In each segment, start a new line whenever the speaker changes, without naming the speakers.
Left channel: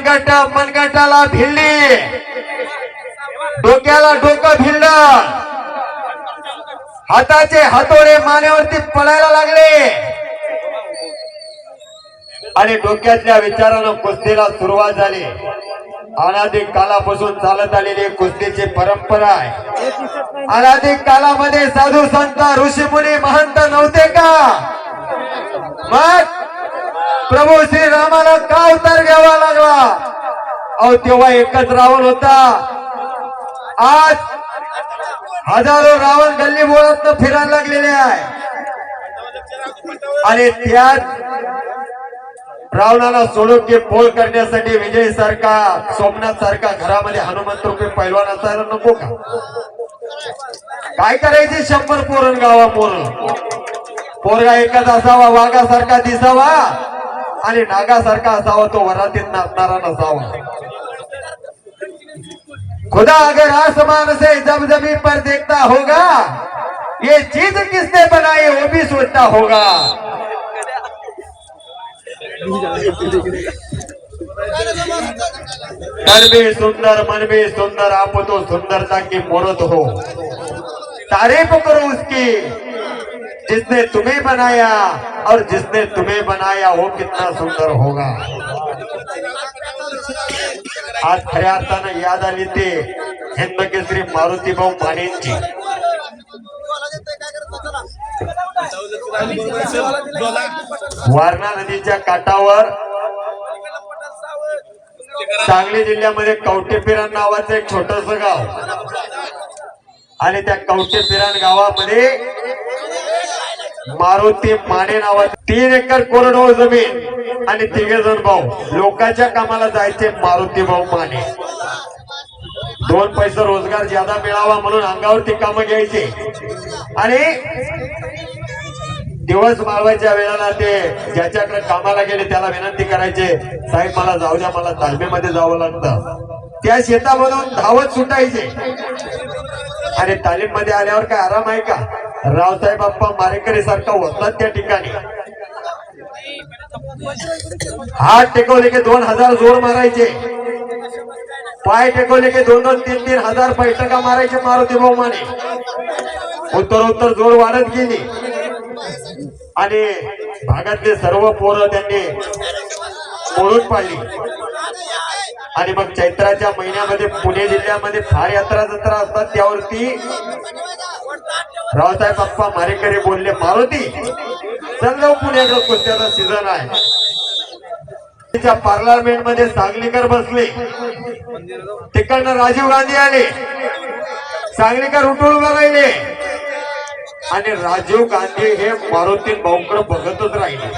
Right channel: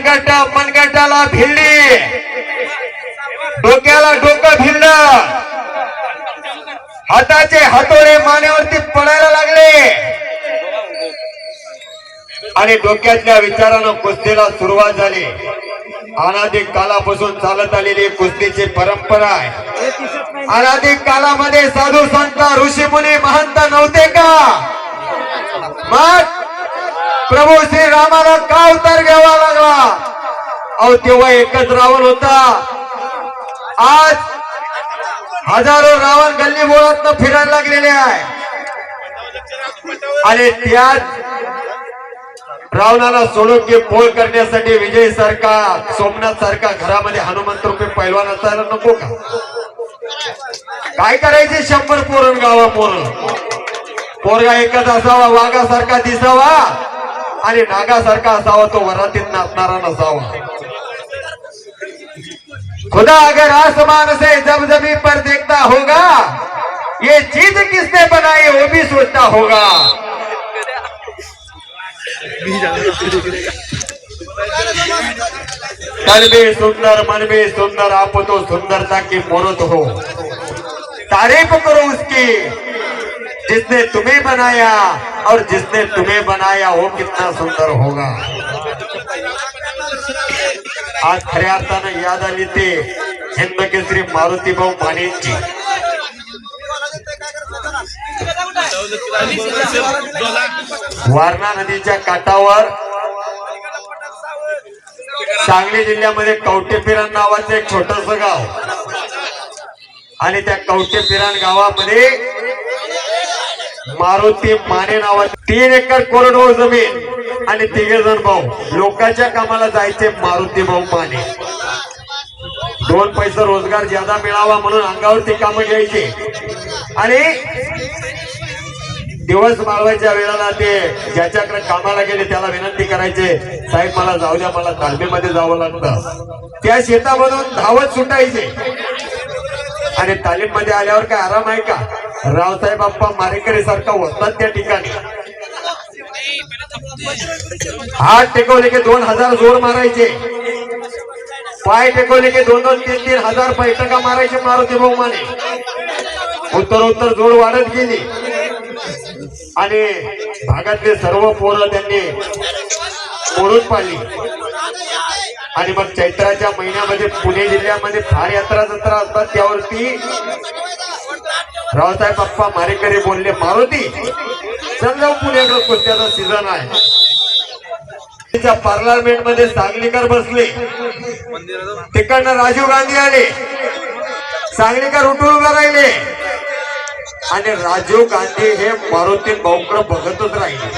मनगट मनगटाला भिडली डोक्याला डोकं भिडलं हाताचे हातोडे मानेवरती पडायला लागले. आणि डोक्यातल्या विचारानं कुस्तीला सुरुवात झाली. अनाधिक कालापासून चालत आलेली कुस्तीची परंपरा आहे. अनाधिक कालामध्ये साधू संत ऋषीमुनी महंत नव्हते का? मग प्रभू श्री रामाला का अवतार घ्यावा लागला. अहो तेव्हा एकच रावण होता. आज हजारो रावण गल्ली बोळात फिरायला लागलेले आहे. आणि त्यात रावणाला सोडून पोळ करण्यासाठी विजय सारखा सोमनाथ सारखा घरामध्ये हनुमंत रुपये पैलवान असायला नको का? काय करायचे शंभर पोरण गावा पोर पोरगा एकच असावा वाघासारखा दिसावा. आणि नागासारखा असावा तो वरातीत नाचणारा नसावा. खुदा अगर आसमान से जब जमी पर देखता होगा ये चीज किसने बनाई वो भी सोचता होगा। तन में सुंदर मन भी सुंदर आप तो सुंदरता की मूर्त हो। तारीफ करो उसकी। जिसने तुम्हें बनाया और जिसने तुम्हें बनाया वो कितना सुंदर होगा। आज खऱ्या अर्थानं याद आली ते हिंदकेसरी मारुतीभाऊ मानेंची वारणा नदीच्या काठावर सांगली जिल्ह्यामध्ये कवटेपिरान नावाचं एक छोटस गाव. आणि त्या कवटेपिरान गावामध्ये मारुती माने नावाची तीन एकर कोरडवाहू जमीन आणि तिघे जण भाऊ. लोकांच्या कामाला जायचे मारुती भाऊ माने. दोन पैसे रोजगार ज्यादा मिळावा म्हणून अंगावरती कामं घ्यायची. आणि दिवस मागवायच्या वेळेला ते ज्याच्याकडे कामाला गेले त्याला विनंती करायचे साहेब मला जाऊ द्या मला तालमीमध्ये जावं लागतं. त्या शेतामधून धावत सुटायचे. आणि तालीममध्ये आल्यावर काय आराम आहे का? रावसाहेब अप्पा मारेकरी सारखा होतात त्या ठिकाणी. हात टेकवले की दोन हजार जोर मारायचे. पाय टेकवले की दोन दोन तीन तीन हजार पैठका मारायचे मारुती बहुमाने उत्तरोत्तर उत्तर उत्तर जोर वाढत गेली. आणि भागातले सर्व पोरं त्यांनी मोडून पाडली. आणि मग चैत्राच्या महिन्यामध्ये पुणे जिल्ह्यामध्ये फार यात्रा जत्रा असतात त्यावरती रावसाहेब बाप्पा मारेकरी बोलले मारुती चल जाऊ पुण्याकडे कुस्त्याचा सीझन आहे. पार्लमेंटमध्ये सांगलीकर बसले. तिकडनं राजीव गांधी आले. सांगलीकर उठून उभे राहिले. आणि राजीव गांधी हे मारुती भाऊकडे बघतच राहिले.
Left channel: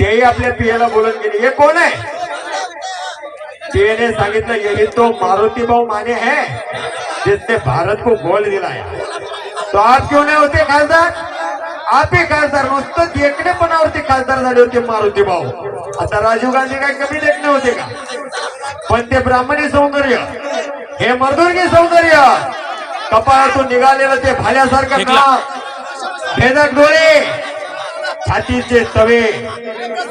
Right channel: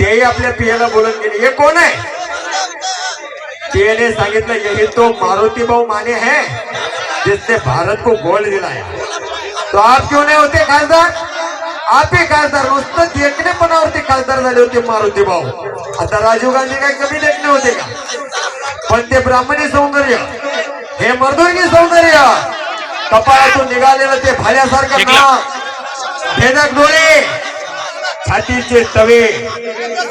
तेही आपल्या पियाला बोलत गेले हे कोण आहे? पीएने सांगितलं यही तो मारुती भाऊ माने है जिसने भारत को गोल्ड दिलाया तो आप क्यों नाही होते खासदार. आप ही खासदार नुसतं देखणेपणावरती खासदार झाले होते मारुती भाऊ. आता राजीव गांधी काय कमी देखणे होते का? पण ते ब्राह्मणी सौंदर्य हे मर्दुनी सौंदर्य कपाळातून निघालेलं ते भाल्यासारखं भेदक डोळे छातीचे तवे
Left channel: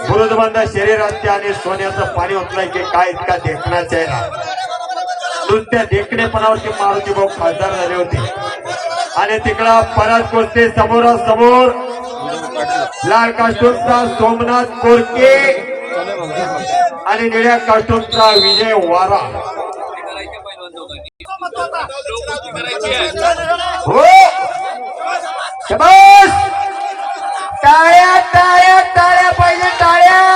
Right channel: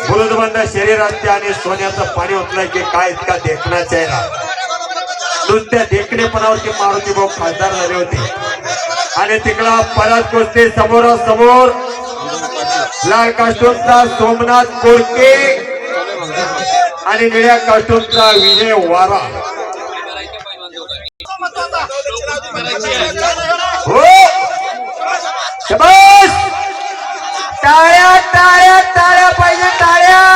बुरुदबंद शरीरात आणि सोन्याचं पाणी ओतलं की काय इतका देखणा चेहरा नुसत्या देखणेपणावरती मारुती भाऊ खासदार झाले होते. आणि तिकडं परत कुस्ती समोरासमोर. लाल कास्टूमचा सोमनाथ कोरके आणि निळ्या कास्टूमचा विजय वारा. हो! टाळ्या टाळ्या टाळ्या पाहिजे टाळ्या!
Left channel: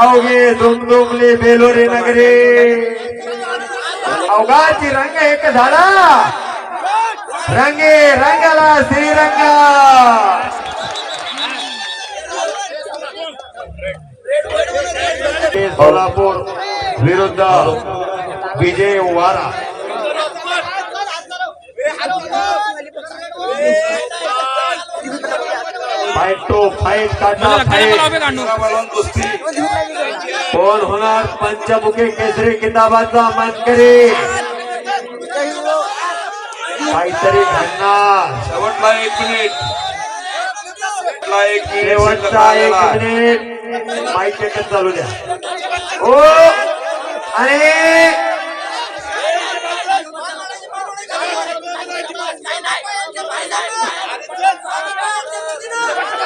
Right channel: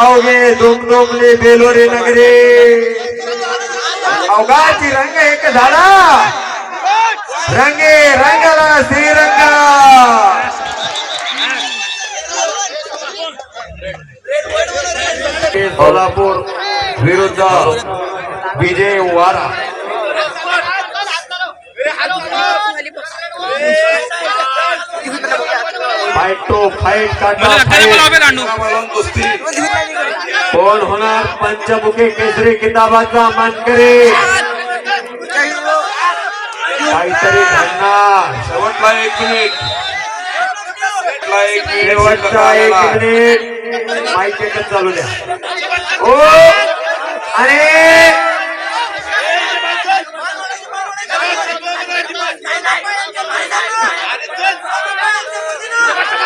अवघे दुमदुमले बेलोरे नगरे. अवघाची रंग एक झाला रंगे रंगला श्रीरंगा. सोलापूर विरुद्ध विजय वारा फाईट टू फाईट
राहणू
कोण होणार? पंचमुखी केसरी किताबाचा मानकरी. काहीतरी घडणार.
शेवटला एक मिनिट
शेवटचा एक. मिनिट एकच चालू द्या. हो आणि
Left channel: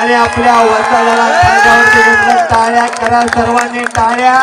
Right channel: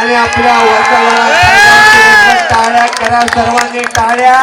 आणि आपल्या वसाला टाळ्या करा सर्वांनी टाळ्या.